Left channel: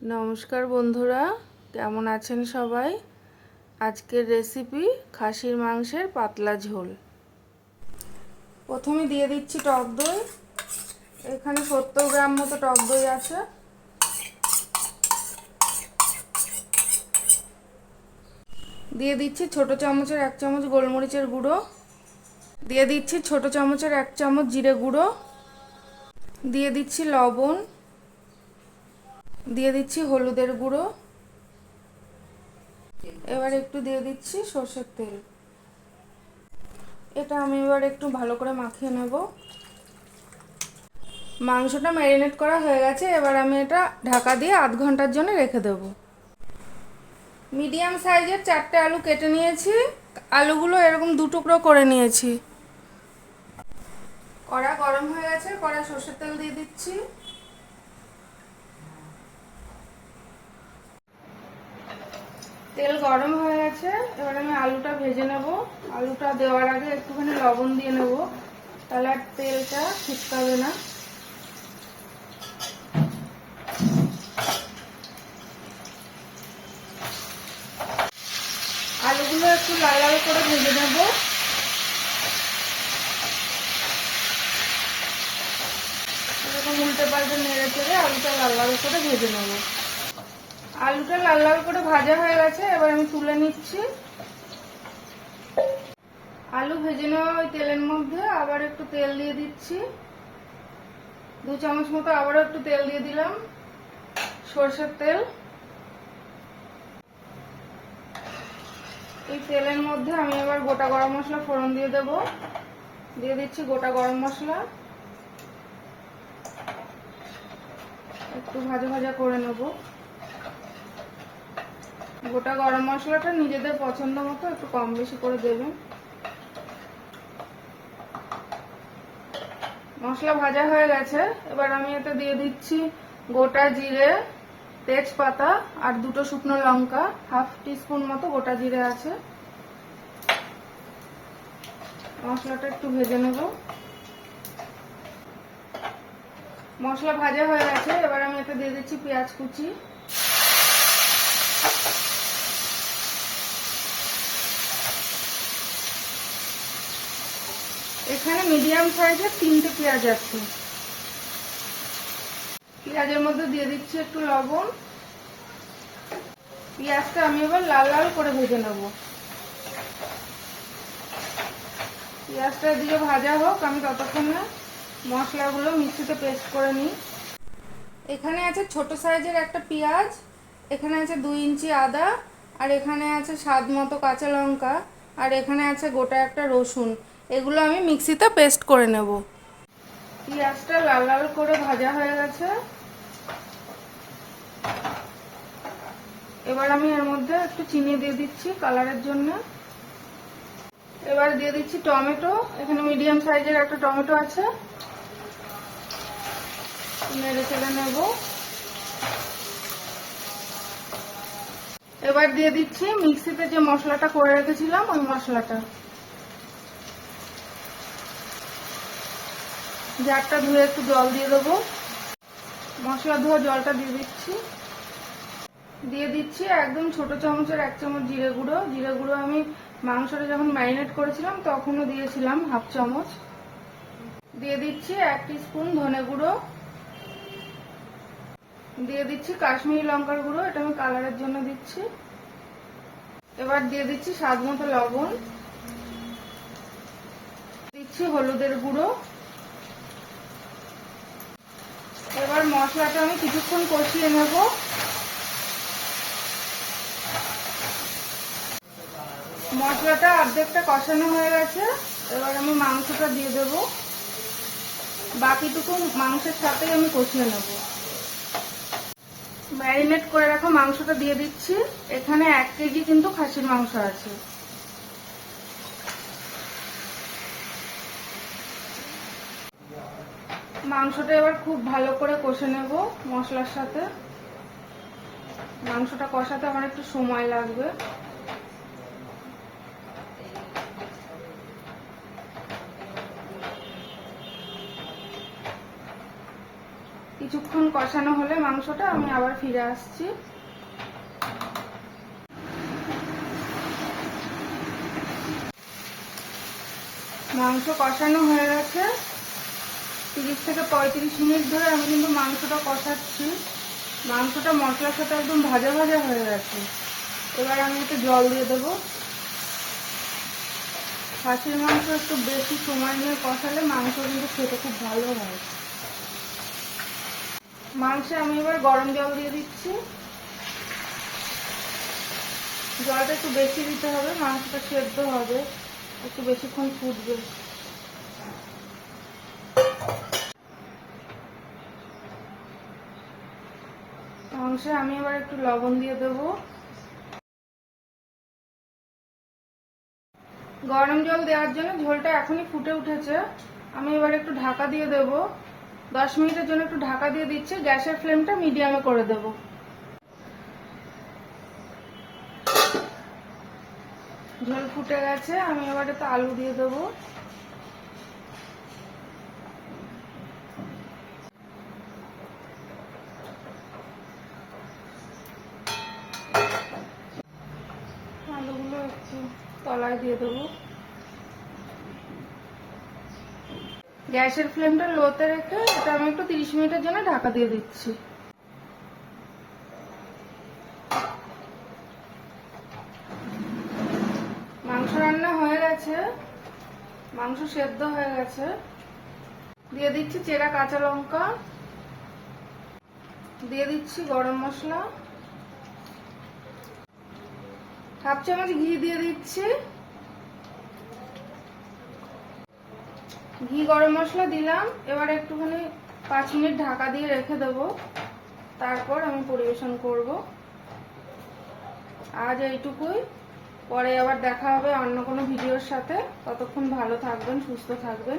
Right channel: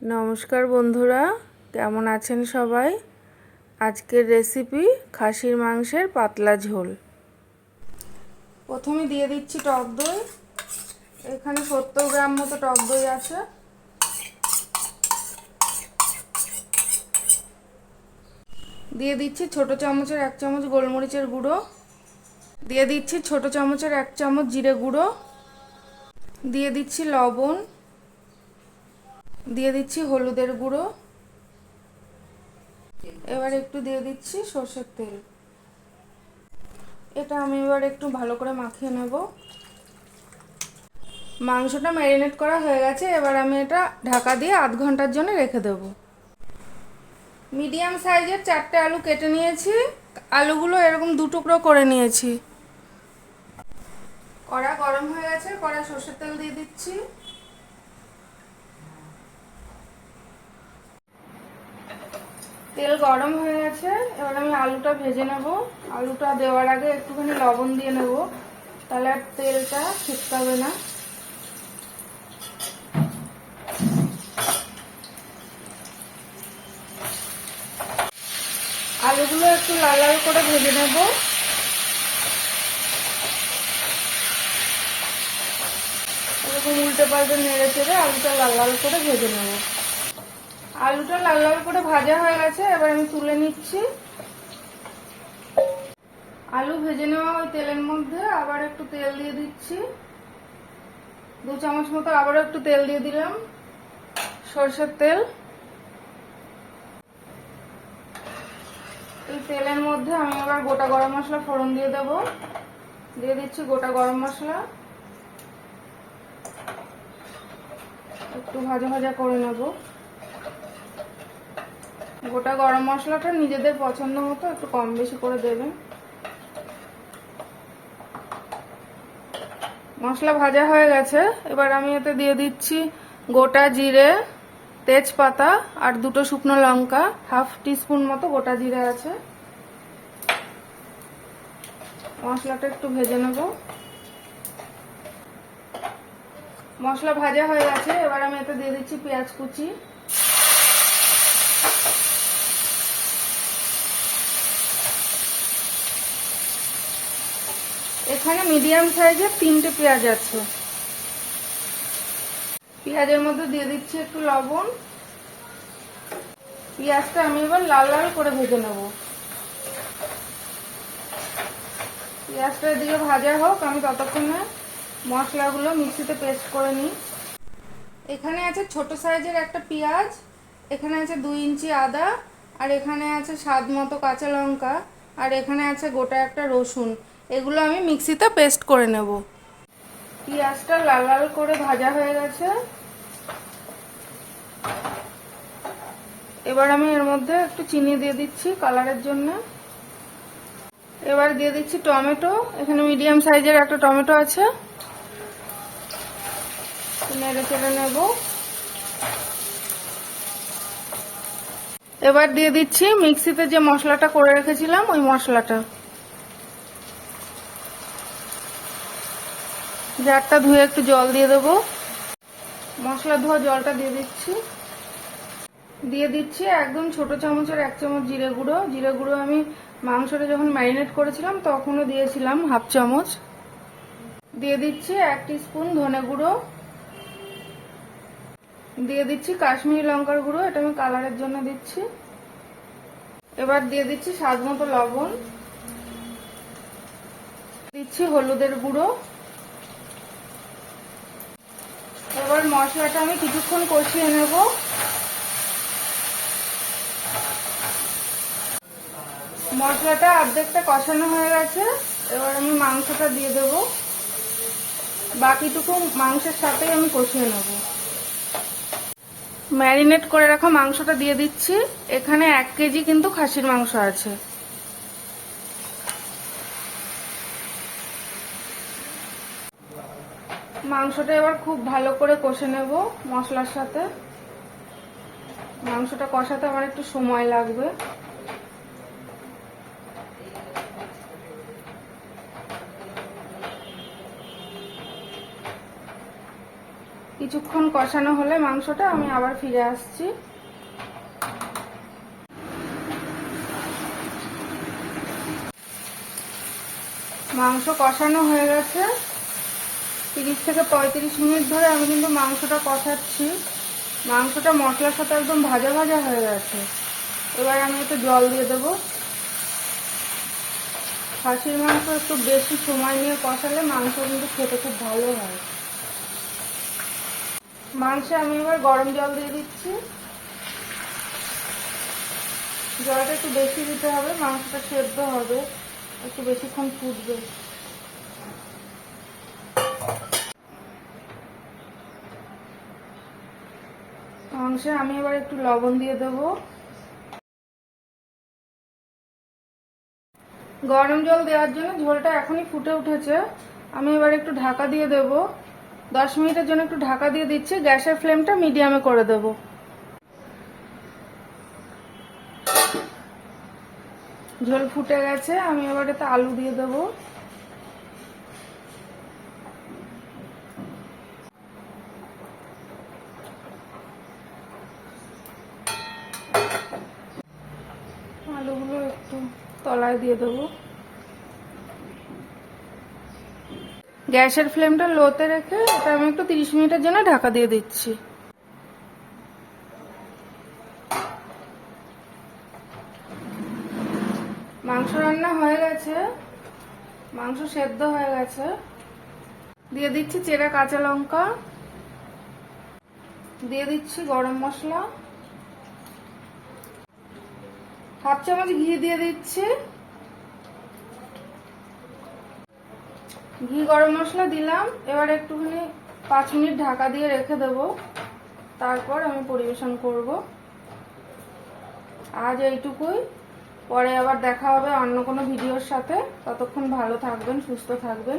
নমস্কার বন্ধুরা, কেমন আছেন সবাই? আজকের রেসিপি খাসির মাংসের পাতলা ঝোল। প্রথমে দিয়ে দিচ্ছি টক দই। এখানে 70 গ্রাম মতো টক দই আছে। দিয়ে দিচ্ছি ছোট চামচের 1 চামচ গোলমরিচের গুঁড়ো। দিয়ে দিচ্ছি ছোট চামচের 1 চামচ জিরে গুঁড়ো। দিয়ে দিচ্ছি লবণ। দিয়ে দিচ্ছি হলুদের গুঁড়ো। এবার একটু দিয়ে দিচ্ছি সরষের তেল। এটা আমি এবার একটু ভালো করে মাখিয়ে নেব। মাংসটা ম্যারিনেট করা হয়ে গেছে। এবার আমি এটা ঢাকা দিয়ে আধ ঘন্টার জন্য রেখে দেব। মিডিয়াম সাইজের 4টে আলু কেটে নিয়েছি। আলুগুলো এরকম 2 টুকরো করে নিয়েছি। কড়া গরম হয়ে গেছে, কড়া সরষের তেল দিয়ে দিচ্ছি। তেল গরম হয়ে গেছে, এবার আমি আলুটা ভেজে নেব। আলুটা দেওয়ার আগে একটুখানি লবণ দিয়ে নেব, তাহলে আর তেলটা ছিটকাবে না। আলুগুলো একটু লাল লাল করে ভেজে নেব। এরকম উল্টে পাল্টে নেড়ে চেড়ে আলুটা লাল লাল করে ভেজে নেব। আলুটা লাল লাল করে ভাজা হয়ে গেছে, এবার আমি তুলে নিচ্ছি। আলু ভেজে নেওয়া ওই তেলের মধ্যে আবার একটু তেল দিয়ে দিচ্ছি। 2 চামচ মতো আবারও একটু তেল দিয়ে দিলাম, সরষের তেল। এই তেলের মধ্যে আমি এবার গোটা গরম মশলা ফোড়ন দিয়ে দেব। দিয়ে দিচ্ছি গোটা গরম মশলা। একটু ভাজা ভাজা করে নেব। গোটা গরম মশলাটা নিজেদের পছন্দ মতো একটু কম বেশি করে দেবেন। মশলা ভাজা হয়ে গেছে, এবার আমি এতে দিয়ে দিচ্ছি গোটা জিরে, তেজপাতা আর 2টো শুকনো লঙ্কা। 1/2 টিস্পুন মতো গোটা জিরে আছে। মশলাটা একটু ভেজে নেব। মশলা ভাজা হয়ে গেছে, এবার আমি এতে দিয়ে দিচ্ছি পেঁয়াজ কুচি। এখানে মিডিয়াম সাইজের 3টে পেঁয়াজ আছে। পেঁয়াজের মধ্যে দিয়ে দিচ্ছি একটু লবণ। পেঁয়াজটা আমি এবার লাল লাল করে ভেজে নেব। পেঁয়াজটা দিয়ে ভাজা হোক, আমি ততক্ষণে মশলাগুলো মিক্সিতে পেস্ট করে নিই। এখানে আছে ছোট সাইজের একটা পেঁয়াজ, এখানে আছে 2 ইঞ্চি আদা, আর এখানে আছে স্বাদ মতো কাঁচা লঙ্কা, আর এখানে আছে গোটা একটা রসুন। এগুলো আমি মিক্সিতে পেস্ট করে নেব। পেঁয়াজটা লাল লাল করে ভাজা হয়ে গেছে। এবার আমি এর মধ্যে একটু চিনি দিয়ে দিচ্ছি কালারের জন্য। এবার দিয়ে দিচ্ছি টমেটো। এখানে মিডিয়াম সাইজের একটা টমেটো আছে। নেড়ে চেড়ে নেব। এবার দিয়ে দিচ্ছি মিক্সিতে যে মশলাটা করে রেখেছিলাম ওই মশলাটা। জারটা ধুয়ে একটু জল দিয়ে দেবো। মশলা ধোয়া জলটা দিয়ে দিচ্ছি। দিয়ে দিচ্ছি একদম ছোট চামচের 1 চামচ জিরে গুঁড়ো। জিরে গুঁড়ো আমি মাংসটা যখন ম্যারিনেট করেছিলাম তখনও দিয়েছিলাম 1/2 চামচ। দিয়ে দিচ্ছি 1 টিস্পুন ধনে গুঁড়ো। দিয়ে দিচ্ছি কাশ্মীরি লঙ্কার গুঁড়ো, এটা আমি কালারের জন্য দিচ্ছি। এবার দিয়ে দিচ্ছি স্বাদ মতো লবণ। দিচ্ছি হলুদের গুঁড়ো। এবার মশলাটা আমি কিছুক্ষণ কষিয়ে নেব। মশলাটা অর্ধেকটা কষানো হয়ে গেছে, এবার আমি মাংসটা দিয়ে দেব। বাকিটুকু মাংসের সাথেই আমি কষিয়ে নেব। ম্যারিনেট করে রাখা মাংসটা দিয়ে দিচ্ছি। এখানে 1 কেজি কিন্তু খাসির মাংস আছে। মাংসটা এবার খুব ভালো করে কষে নেব মশলার সাথে। মাংসটা কষাতে আমার একটু সময় লাগবে। কিছুক্ষণ কষানো হলে মাংসটা আমি আবার ফিরে আসছি। মাংস কষানো হয়ে গেছে। 30 থেকে 35 মিনিট ধরে আমি কিন্তু মাংসটা কষাচ্ছি। মাংসটা মশলার সাথে একদম ভাজা ভাজা হয়ে গেছে। এবার আমি একটু জল দিয়ে দেবো। খাসির মাংস একটু বেশি সময় নিয়ে কষালে মাংস কিন্তু খেতে খুব ভালো হয়। মাংসে আমি এবার গরম জল দিয়ে দিচ্ছি। জলটা একটু বেশি দিতে হবে, মাংসটা সেদ্ধ হবে, একটু বেশিক্ষণ ফুটবে। মাংসে আমি এবার একটু লবণ দিয়ে দেব। গরম জল দেওয়ার জন্য ঝোলটা এখনই ফুটে উঠেছে। আমি এবার একটু ঢাকা দিয়ে দেব। 10 মিনিটের জন্য একটু ঢাকা দিয়ে দিচ্ছি। গ্যাসের ফ্লেমটা মিডিয়ামে করে দেব। ঝোল ফুটে গেছে, আমি এবার এতে আলু দিয়ে দেবো। আলুগুলো একটু তলায় দিয়ে দেবো। গ্যাসের ফ্লেমটা লোতে রেখে এটা আমি একটু 30 মিনিটের জন্য ঢাকা দিয়ে দিচ্ছি। মাংস রান্না হয়ে গেছে, মাংস সেদ্ধ হয়ে গেছে। দিয়ে দিচ্ছি চেরা কাঁচা লঙ্কা, দিয়ে দিচ্ছি গরম মশলা, হাফ চামচ ঘি দিয়ে দিচ্ছি। ঘি গরম মশলা দিলাম। এবার একটুখানি 5 মিনিট ঢাকা দিয়ে রেখে দেবো, তারপর আমি পরিবেশন করব। আজ এইটুকুই, পরে আবার দেখা হবে অন্য কোনো ভিডিওর সাথে। ততক্ষণ ভালো থাকবেন, সুস্থ থাকবেন।